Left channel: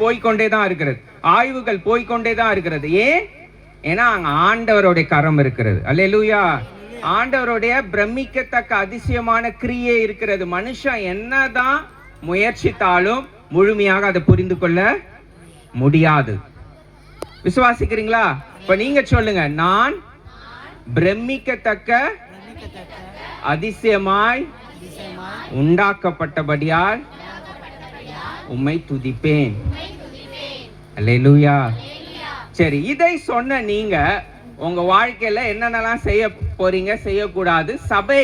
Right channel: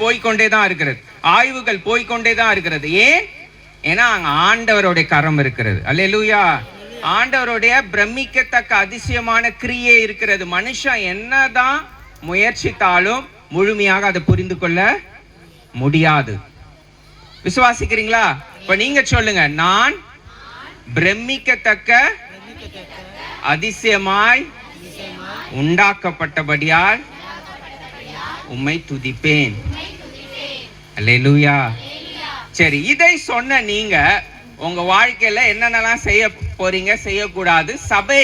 போய்கொண்டே தான் இருக்கிறது, ஆய்வுகள் போய்கொண்டே தான் இருக்கிறது. ஏன்? ஏன்னா அங்க ஆண்டவருடைய கரம் இருக்கிறது. அல்லேலூயா. ஆண்டவருடைய பிரமிக்கத்தக்க அதிசயமான கிரியை இருக்கிறது. மனுஷன் என்னதான் முயற்சித்தாலும் முழுமையாக அதை புரிந்து கொள்ள முடியாது. விசுவாசிக்கிறீங்களா? இப்ப நீங்க சொல்லுங்க, நான் பிரமிக்கத்தக்க அதிசயமாய் உண்டாக்கப்பட்டபடியால் உம்மை துதிப்பேன். அல்லேலூயா. சரி, இதை சொன்ன நீங்க உங்க வாழ்க்கையில என்னென்னலாம் செய்ய போறீங்க, செய்யக்கூடாது, சபை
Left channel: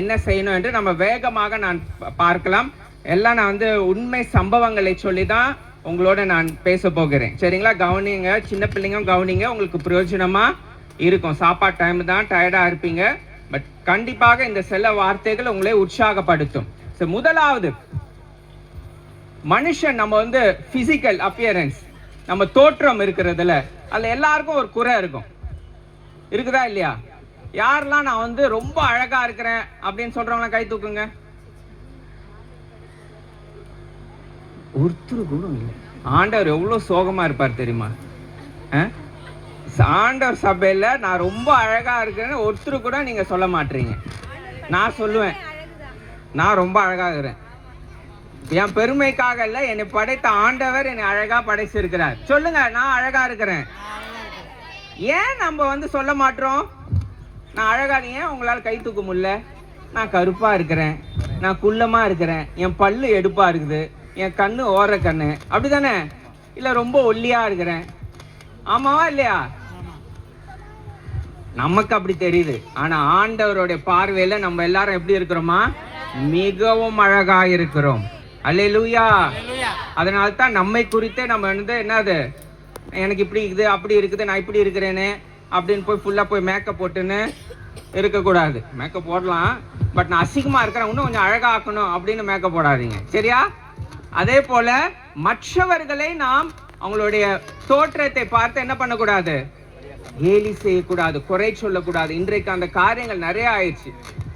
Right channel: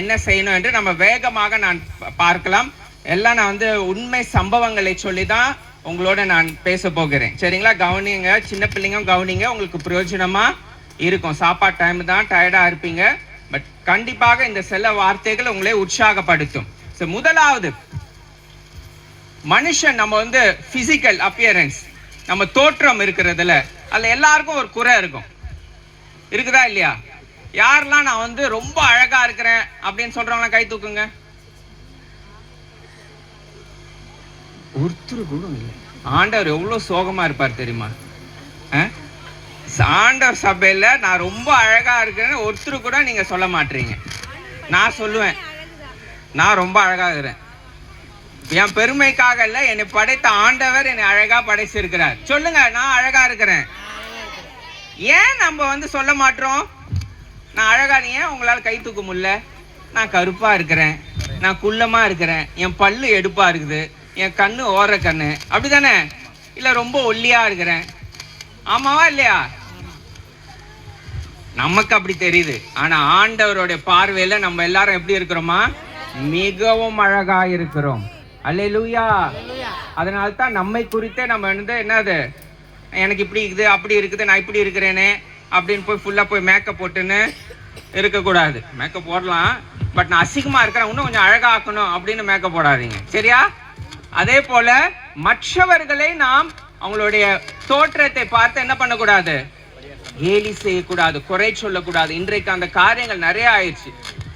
என்ன செய்யணும் என்று நம்ம வேகமாக நான் பார்க்கலாம். எல்லாம் நான் உண்மை சம்பவங்களை சொல்லிதான் உங்களோட நான் பேச போகிறேன். சரிங்களா? கவனிங்க, சின்ன பிள்ளைங்க கவனிங்க, உங்களுக்கு பிரயோஜனமா இருக்கும். சாப்பாடு டைம் தான், டயர்டா இருப்பீங்க, பட் கண்டிப்பாக இந்த சில வார்த்தைகள் உங்களை உற்சாகப்படுத்தும். முதலாவது, மனுஷன் நம்ம பிசிக்கல் அப்பியரன்ஸ், நம்ம தோற்றம் இருக்கிறதுல அதுல எல்லாருக்கும் ஒரு குறை இருக்கும். இருக்குதா இல்லையா? யாரெல்லாம் நான் ரொம்ப அழகா இருக்கிறேன் அப்படின்னு சொல்றவங்க கை தூக்குங்க. ஒருத்தர் கூட இல்லை. ஆண்டவர் எவ்வளவு சோகமா இருப்பார் தெரியுமா? ஆண்டவர் சபையில நான் ரொம்ப அழகா இருக்கிறேன்னு ஒருத்தர் கூட நீங்க சொல்ல மாட்டீங்க. நான் சொல்லுவேன், நான் ரொம்ப அழகா இருக்கிறேன். என் பெருமைக்காக இல்ல, என்னை படைத்த ஆண்டவர் என்னை அழகா படைச்சிருக்கிறார். சொல்லுங்க, நான் அழகா இருக்கிறேன். ஏன் நம்ம சொல்ல மாட்டோம்? நான் அழகா, ஏன் உங்களால கை தூக்க முடியல? நான் கருப்பா இருக்கிறேன், நான் குள்ளமா இருக்கிறேன், என் பல்லு எடுப்பா இருக்குது, என் கண்ணு ஓர கண்ணு, அப்படிதானே? இல்ல ரொம்ப ஒல்லியா இருக்கிறேன், ஆமாவா இல்லையா? நமக்கு அப்படி தெரியுது. ஆனா ஆண்டவருடைய பார்வையில நம்ம எல்லாரும் எப்படி இருக்கிறோமா? மிகவும் அழகா இருக்கிறோம். அல்லேலூயா. அதனால தான் நம்மை குறித்தே நம்ம என்னது, எனக்கு இப்படி இருக்குது, அப்படி இருக்குது, நான் இப்படி இருக்கிறேனே அப்படின்னு போய் ஃபுல்லா போய் மேக்கப் போட்டுன்னு இருக்கக்கூடாது. மேக்கப் போடலாம், பட் நான் அசிங்கமா இருக்கிறேன், இன்னும் கொஞ்சம் அழகா ஆக்கணும் அப்படின்னு மேக்கப் போடாதீங்க. சரியா? அதே போல மற்றவர்களை நாம் அவங்களுடைய தோற்றத்தை பார்த்து என்ன பண்ணக்கூடாது? கேலி செய்யக்கூடாது, குறை சொல்லக்கூடாது. இன்றைக்கு அந்த காரியங்கள் நிறைய ஆயிடுச்சு.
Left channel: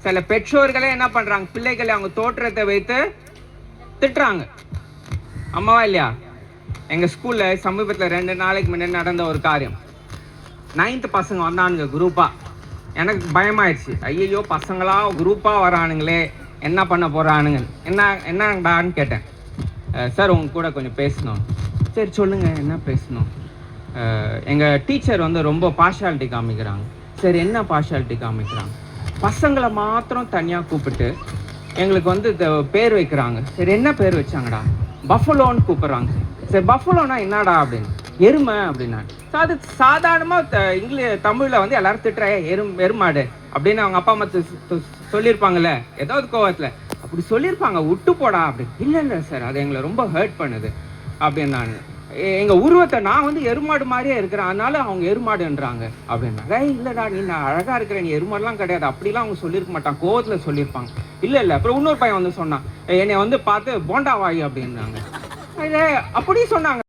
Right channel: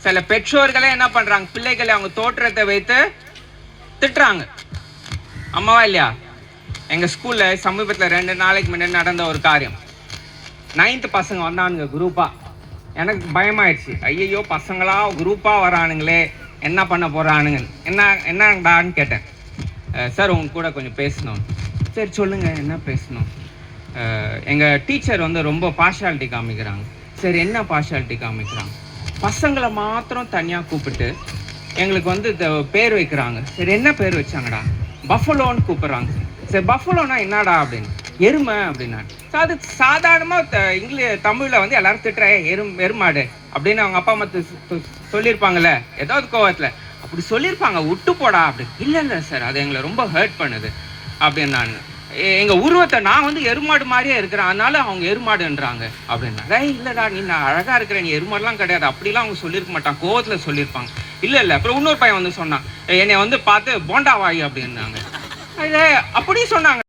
சில பெற்றோர்களே என்ன பண்றாங்க, பிள்ளைகளை அவங்க தோற்றத்தை வைத்து திட்டுறாங்க. அம்மாவா இல்லையா? எங்க ஸ்கூல்ல சமீபத்தில் 2 நாளைக்கு முன்னாடி நடந்த ஒரு காரியம். 9th பசங்க வந்தானுங்க குரூப்பா. எனக்கு பயமாயிடுச்சு. ஐயோ, பசங்களா குரூப்பா வரானுங்களே, என்ன பண்ண போறானுங்க, என்னடான்னு கேட்டேன். சார், உங்க கூட கொஞ்சம் பேசணும். சரி சொல்லுங்க, என்ன பேசணும்? எங்க டீச்சர் ரொம்ப பார்ஷாலிட்டி காமிக்கிறாங்க. சரி, என்ன பார்ஷாலிட்டி காமிக்கிறாங்க? பசங்களை மாத்திரம் தனியா கூப்பிட்டு எங்களுக்கு பேர் வைக்கிறாங்க. சரி, என்ன பேர் வச்சாங்கடா? பஃபலோன்னு கூப்பிடுறாங்க. சரி, பஃபலோனா என்னடா அப்படின்னு. எருமை அப்படின்னா. அது சாதாரணமா தமிழ்ல எல்லாரும் திட்டுற எருமாடு அப்படின்னு அவங்க அப்பா அம்மா சொல்லியிருப்பாங்கல்ல, ஏதாவது கோவத்துல அப்படி சொல்லியிருப்பாங்க. விட்டு போடா அப்படின்னு. இல்ல சார், அது எங்களை ரொம்ப ஹர்ட் பண்ணுது அப்படின்னு. நான் எங்க உருவத்தை நான் எருமாடு மாதிரியே இருக்கிறேன், அதனால அவங்க எருமாடுன்றாங்க அப்படின்னா. இல்லடா, நீ நான் அழகா இருக்கிறேன், நீ எருமாடுலாம் கிடையாது அப்படிலாம் அவங்க சொல்லியிருக்க மாட்டாங்க, கோவத்துல சொல்லியிருப்பாங்க. இல்ல. அப்புறம் இன்னொரு பையன் சொன்னான், என்னை பார்த்து போண்டா வாயு அப்படின்னாங்க. அப்படி சொன்னாங்க.